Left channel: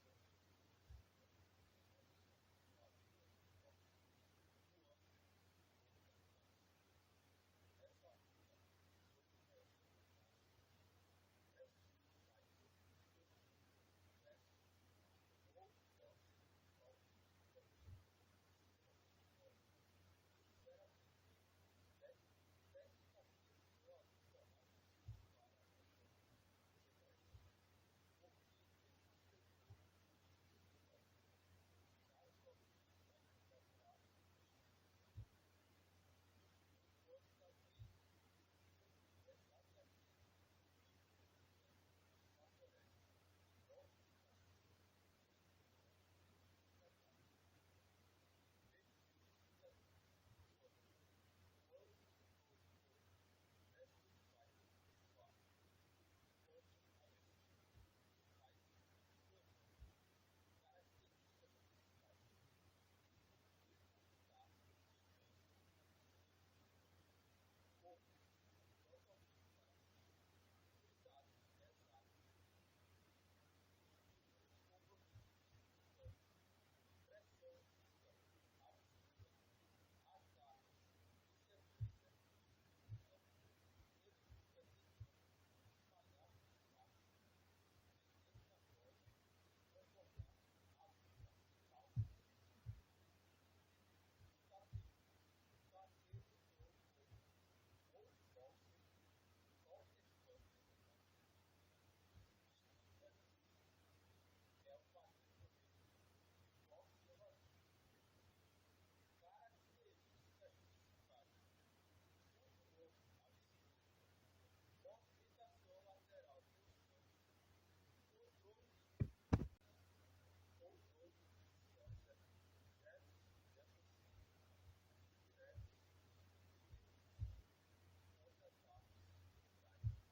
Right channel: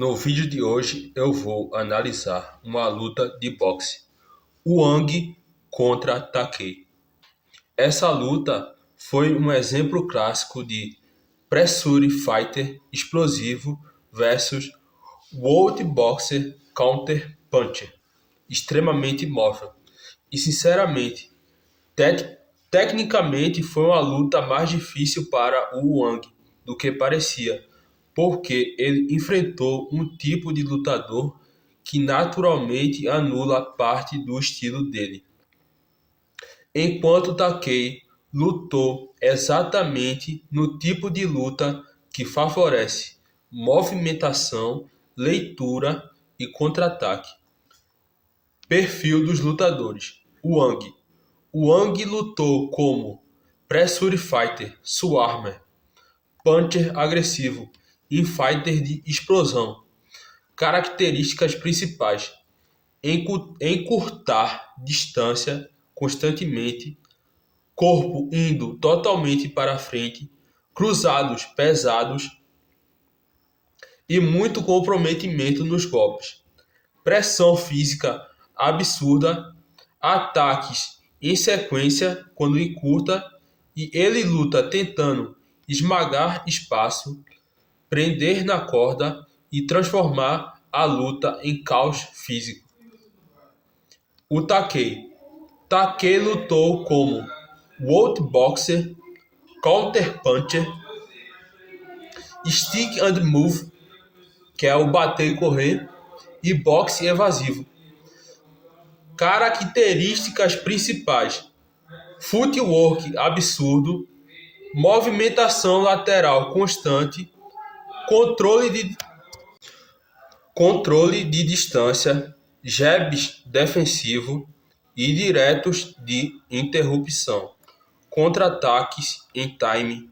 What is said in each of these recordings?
No vídeo de hoje eu vou analisar uma luta de boxe, Wang contra Takei. Essa luta foi um exemplo clássico de Pressure Fighter explosivo versus World Boxer Counter Puncher, extremamente móvel. E sinceramente, tecnicamente foi uma luta mais difícil para o Wang do que parecia, porque ele enfrentou um tipo de lutador que naturalmente anula parte do estilo dele. Enquanto Takei lutou exatamente no tipo de luta que favorece movimentação, leitura e contra-ataque. Perfil dos lutadores: Wang lutou como Pressure Fighter, Swarmer, Puncher agressivo e Fighter de explosão. Características principais: encurtar distância constantemente, corpo indo totalmente para frente, cruzados pesados e muito comprometimento nos golpes. Pressão física absurda, ataques em sequência quando encurta, e ele luta tentando esmagar espaço, prender na corda e transformar a luta em caos físico. O Takei lutou como World Boxer, Counter Puncher, Stick and Move, que é o bater e correr, e boxe evasivo. Características principais: footwork absurdo, movimentação lateral constante, controle de distância, jabs defensivo e diretos de interrupção, contra-ataques em time.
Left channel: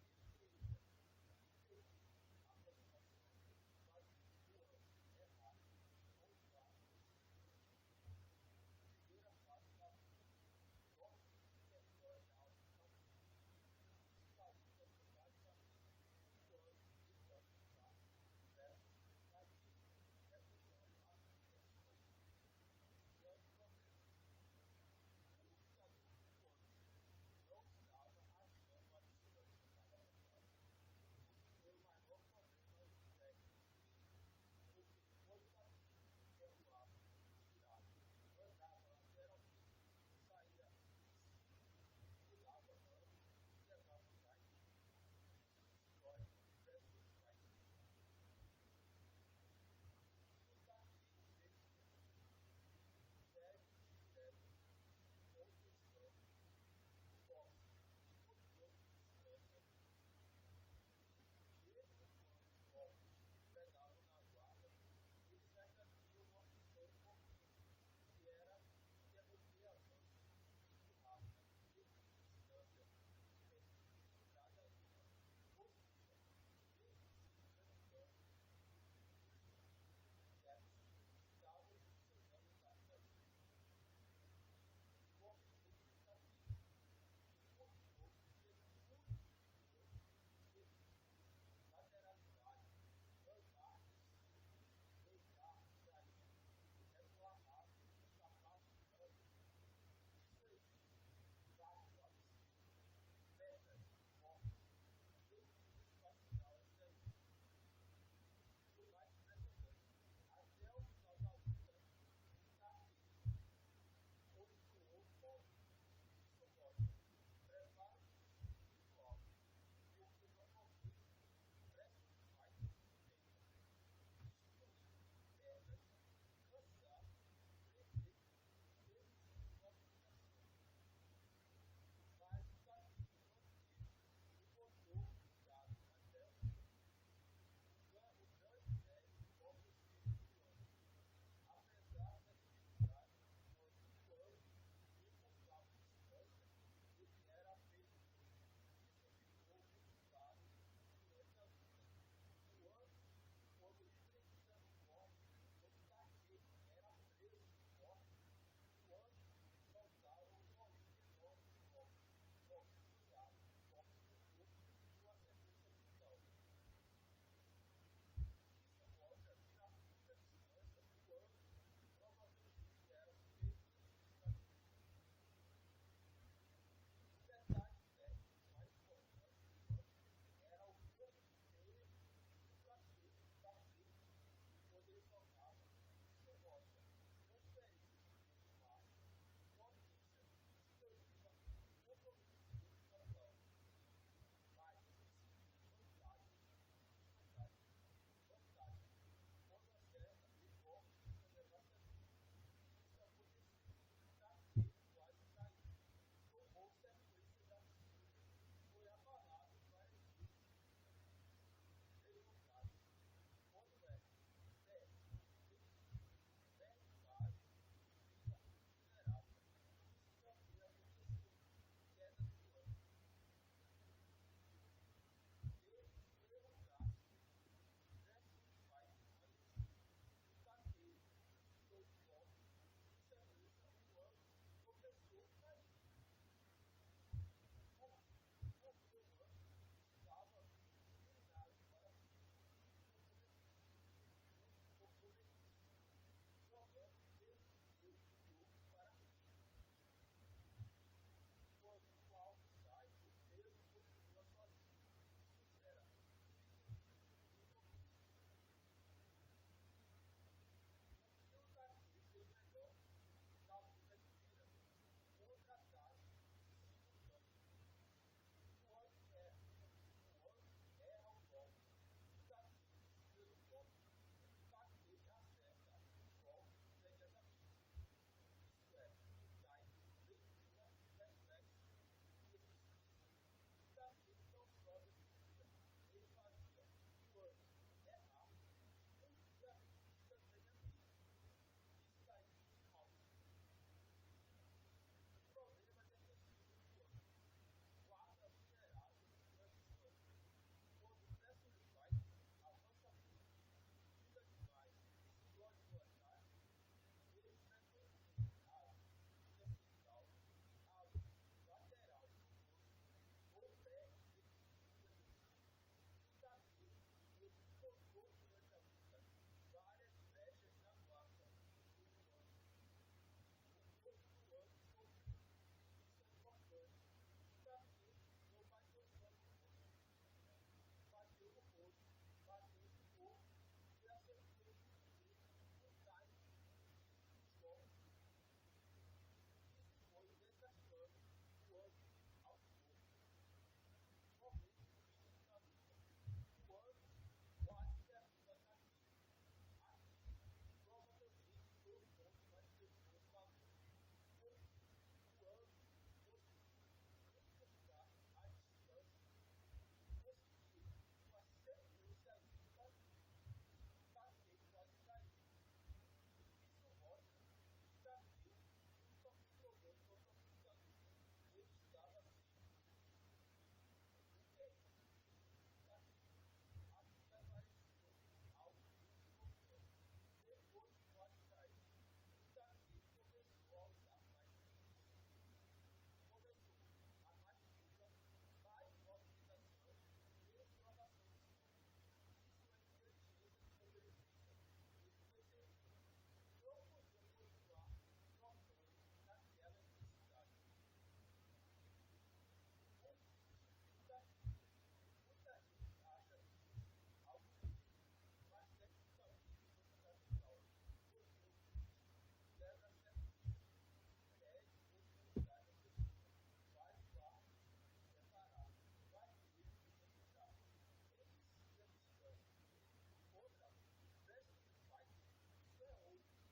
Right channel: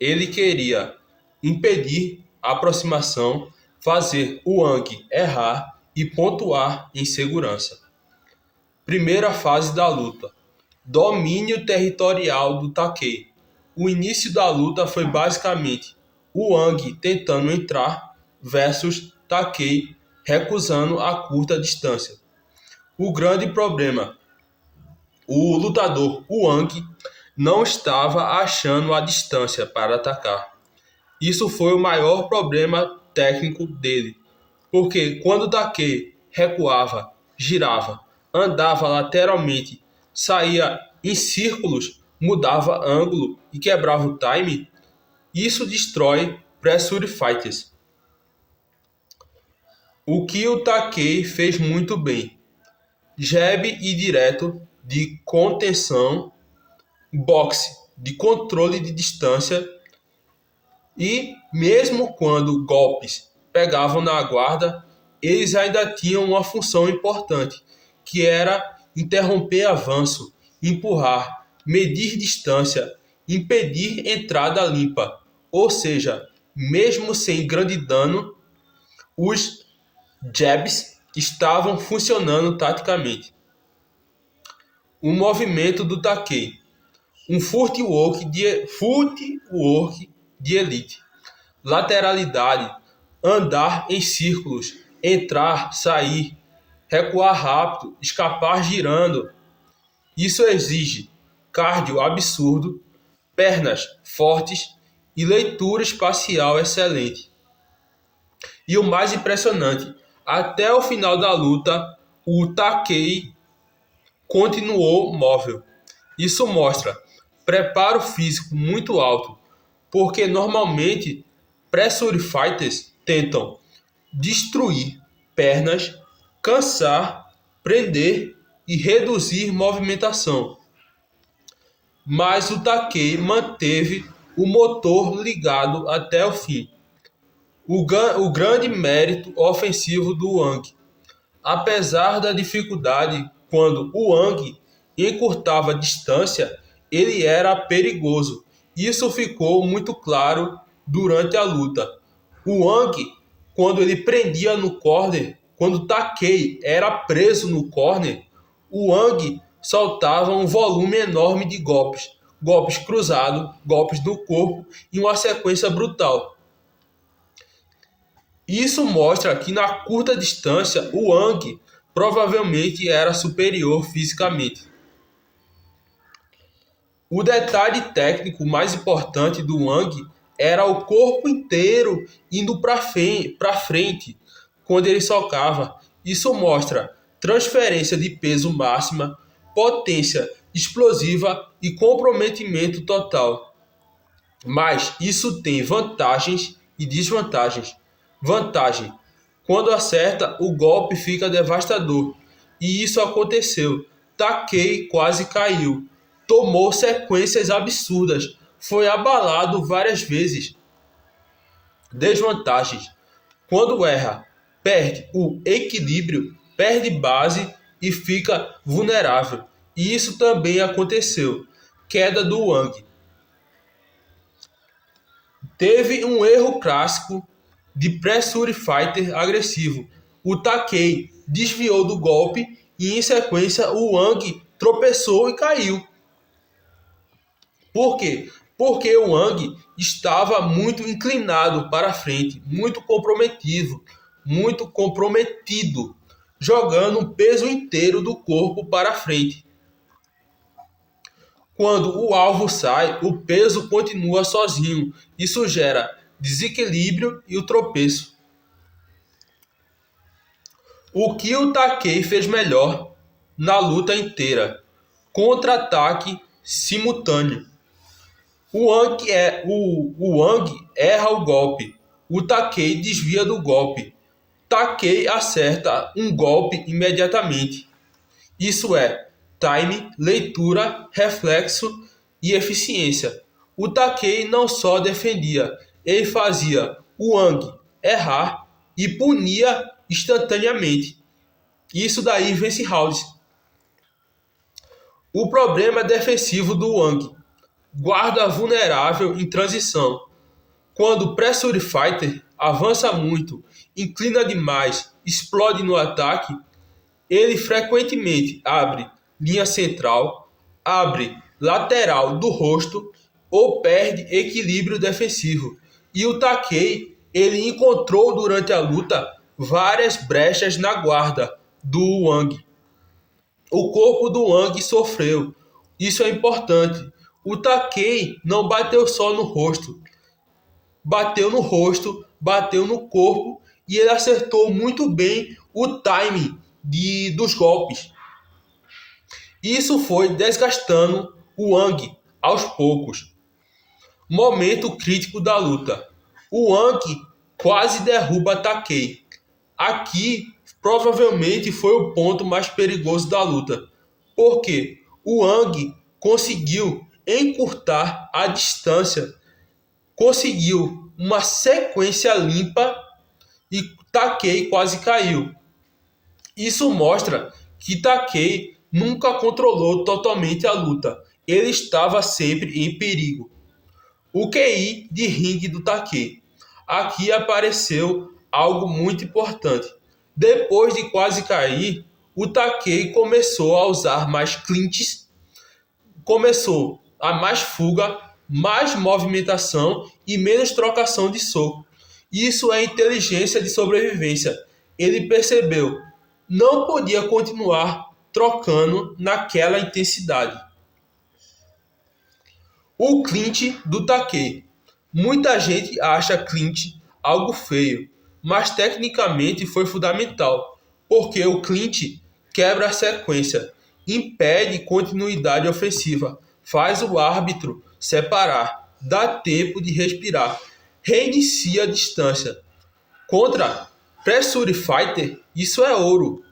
Ele queria impedir a aproximação, fazer o Wang errar e pontuar em segurança. Primeira fase da luta: domínio territorial do Takei. O início da luta foi basicamente o Wang tentando entrar versus Takei recusando a curta distância. O grande problema: o lutador Wang não estava achando a distância para atacar. Isso foi o maior problema técnico dele, porque quando Takei recuava, girava, andava lateralmente, saía em círculos, mudava ângulo e quebrava o time, isso destrói Pressure Fighters. O que o Takei fez muito bem: jab e direto de contenção, boxe de controle de distância, e mesmo quando golpes pegavam na guarda, eles ainda tinham uma função importante, que era interromper avanço, empurrar, medir distância, impedir entrada limpa. Ou seja, mesmo sem grande dano, os jabs estavam funcionando taticamente. O movimento do Takei: um footwork de elite. Lateralidade, andar em círculos, entrar, sair, recuar rápido, escapar girando. Isso exige cardio absurdo, pernas fortes e leitura espacial excelente. E o mais impressionante: até o final da luta, o Takei continuou móvel. Isso mostra preparo físico muito alto, porque normalmente Pressure Fighters tentam destruir pernas, cansar, prender e reduzir movimentação. Mas o Takei manteve o motor ligado até o fim. O grande mérito ofensivo do Wang. Apesar da dificuldade, quando o Wang encurtava a distância, ele era perigoso. Isso ficou muito claro durante a luta. O Wang, quando ele prendia no corner, quando Takei era preso no corner, o Wang soltava um volume enorme de golpes. Golpes cruzados, golpes no corpo e uma sequência brutal. Isso mostra que na curta distância o Wang provavelmente era superior fisicamente. O detalhe técnico mais importante do Wang era o corpo inteiro indo para frente quando ele socava. Isso mostra transferência de peso máxima, potência explosiva e comprometimento total. Mas isso tem vantagens e desvantagens. Vantagem: quando acerta, o golpe fica devastador. E isso aconteceu. Takei quase caiu. Tomou sequências absurdas. Foi abalado várias vezes. Desvantagens: quando erra, perde o equilíbrio, perde base e fica vulnerável. E isso também aconteceu. Queda do Wang. Teve um erro clássico de Pressure Fighter agressivo. O Takei desviou do golpe e em sequência o Wang tropeçou e caiu. Por quê? Porque o Wang estava muito inclinado para frente, muito comprometido, jogando o peso inteiro do corpo para frente. Quando o alvo sai, o peso continua sozinho. Isso gera desequilíbrio e o tropeço. O que o Takei fez melhor na luta inteira? Contra-ataque simultâneo. O Wang erra o golpe. O Takei desvia do golpe. Takei acerta um golpe imediatamente. Isso é time, leitura, reflexo e eficiência. O Takei não só defendia, ele fazia o Wang errar e punia instantaneamente. Isso daí vence rounds. O problema defensivo do Wang: guarda vulnerável em transição. Quando o Pressure Fighter avança muito, inclina demais, explode no ataque, ele frequentemente abre linha central, abre lateral do rosto ou perde equilíbrio defensivo. E o Takei, ele encontrou durante a luta várias brechas na guarda do Wang. O corpo do Wang sofreu. Isso é importante. O Takei não bateu só no rosto. Bateu no rosto, bateu no corpo e ele acertou muito bem o timing dos golpes. Isso foi desgastando o Wang aos poucos. Momento crítico da luta. O Wang quase derruba Takei. Aqui provavelmente foi o ponto mais perigoso da luta, porque o Wang conseguiu encurtar a distância, conseguiu uma sequência limpa e Takei quase caiu. Isso mostra que Takei nunca controlou totalmente a luta. Ele estava sempre em perigo. O QI de ringue do Takei. Aqui apareceu algo muito importante. Depois de quase cair, o Takei começou a usar mais clinches, começou a mais fuga, mais movimentação e menos trocação de soco. Isso é inteligência de sobrevivência. Ele percebeu, não podia continuar trocando naquela intensidade. O clinch do Takei. Muita gente acha clinch algo feio, mas tecnicamente foi fundamental, porque o clinch quebra a sequência, impede continuidade ofensiva, faz o árbitro separar, dá tempo de respirar, reinicia a distância. Contra Pressure Fighter, isso é ouro.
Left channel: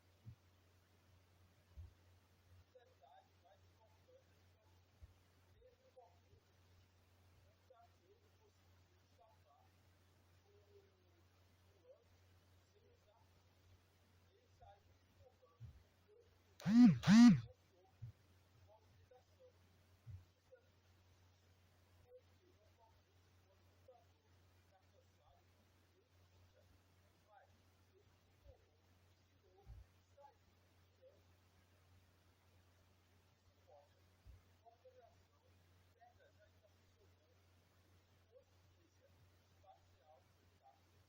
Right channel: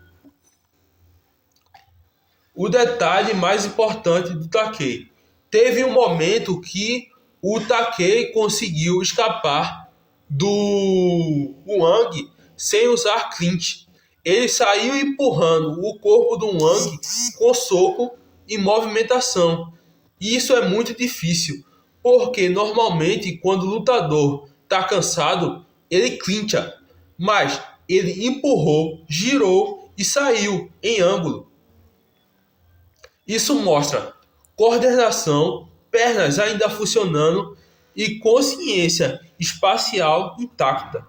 O detalhe mais importante do Takei. Teve um momento que o Takei conseguiu escapar do Wang sem usar clinch. Ele saiu empurrando o corpo do Wang com soco e movimentação. E isso é muito difícil, porque normalmente quando o lutador está cansado, ele clincha. Mas ele empurrou, girou e saiu em ângulo. Isso mostra coordenação, pernas ainda funcionando e consciência espacial intacta.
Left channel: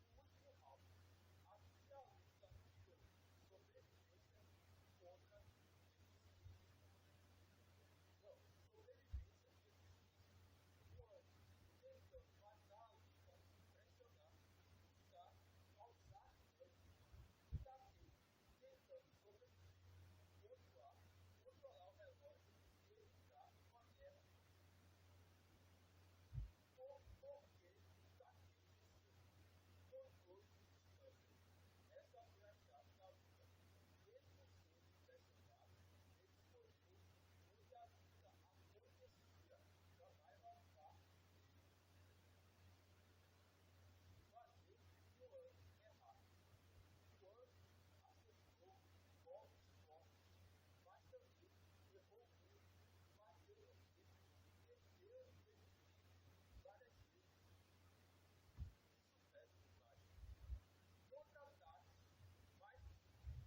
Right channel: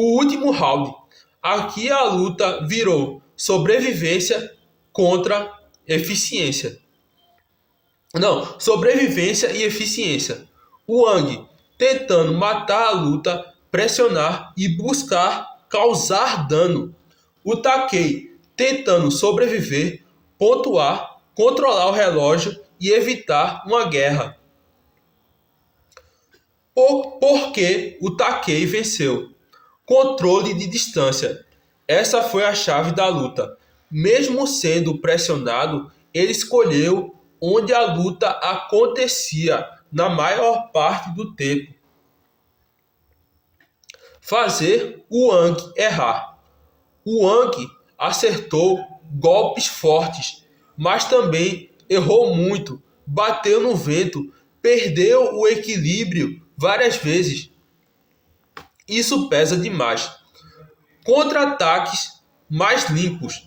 o último round. Aqui a luta virou sobrevivência contra eficiência. Não, sobrevivência e eficiência. O Wang tentando matar a luta, pressionar e buscar causar dano. O Takei tentando sobreviver, pontuar, controlar o relógio e evitar uma guerra. Por que o Takei venceu? Controle de distância. Essa foi a chave da luta. Mesmo sendo pressionado, ele escolheu onde a luta acontecia na maior parte do tempo. Fazer o Wang errar. O Wang acertou golpes fortes, mas também errou muito, bateu no vento, perdeu o equilíbrio várias vezes. Isso pesa demais. Contra-ataques mais limpos.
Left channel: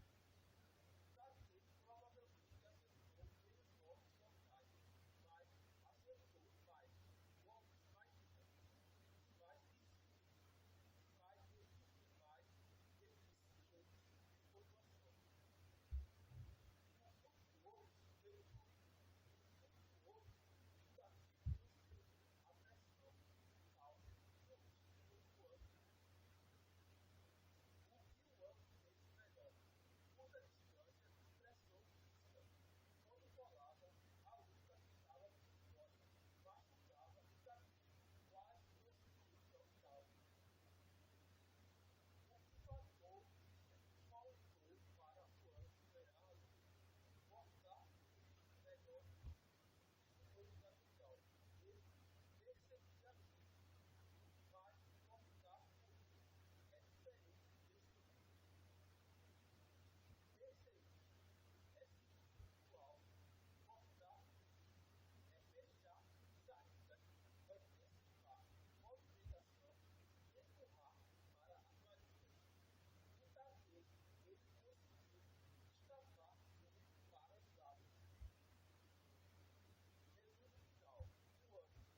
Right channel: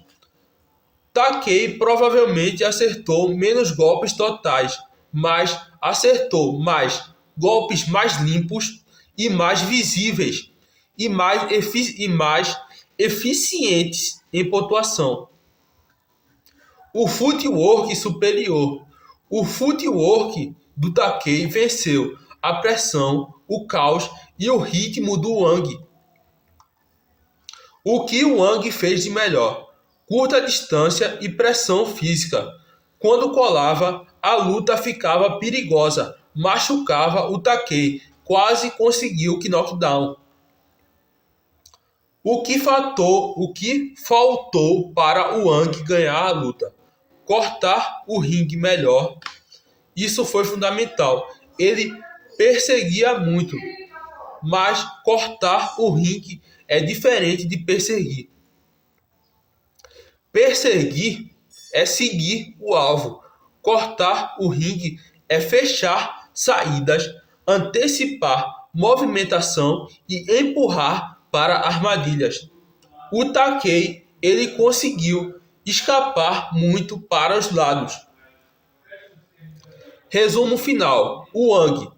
Takei provavelmente acertou menos golpes totais, mas acertou mais golpes mais limpos e mais visíveis e mais eficientes em pontuação. O footwork superior. O footwork do Takei venceu a pressão, o caos e o ritmo do Wang. O que o Wang fez de melhor? Curta distância e pressão física. Quando colava, a luta ficava perigosa, machucava o Takei, quase conseguiu o knockdown. O que faltou para o Wang ganhar a luta? Cortar o ringue melhor. Isso foi fundamental. Ele perseguia muito, mas cortar o ringue é diferente de perseguir. Perseguir é seguir o alvo. Cortar o ringue é fechar saídas, antecipar movimentação e empurrar para armadilhas. O Takei, ele conseguiu escapar muito para os lados. Resumo final. O Wang,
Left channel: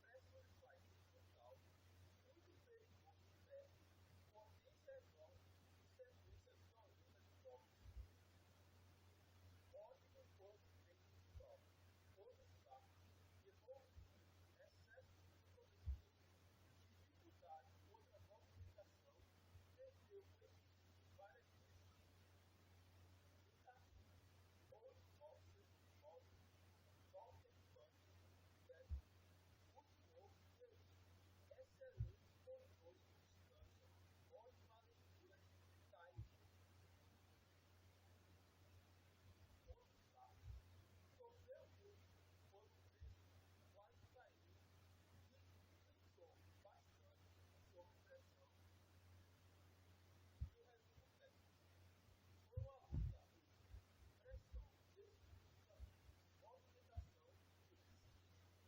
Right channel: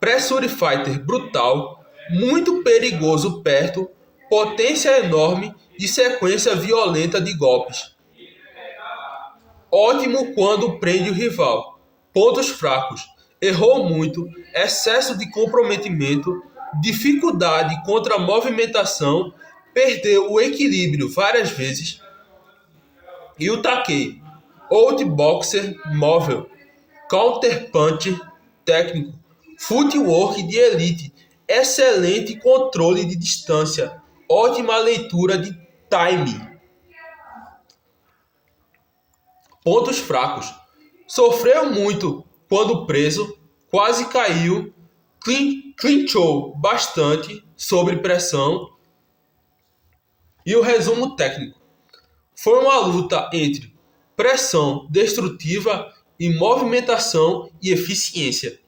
pressure fighter brutal, muito perigoso perto, potência enorme e sequência violenta de golpes. Ótimo quando prende o rival. Pontos fracos. Errou muito, excesso de comprometimento, dificuldade contra a movimentação, perdeu o equilíbrio várias vezes. E o Takei, outboxer móvel, counterpunch técnico, footwork de elite, excelente controle de distância, ótima leitura de timing. Pontos fracos. Sofreu muito quando preso, quase caiu, clinchou bastante sob pressão. E o resumo técnico. Foi uma luta entre pressão destrutiva e movimentação e eficiência.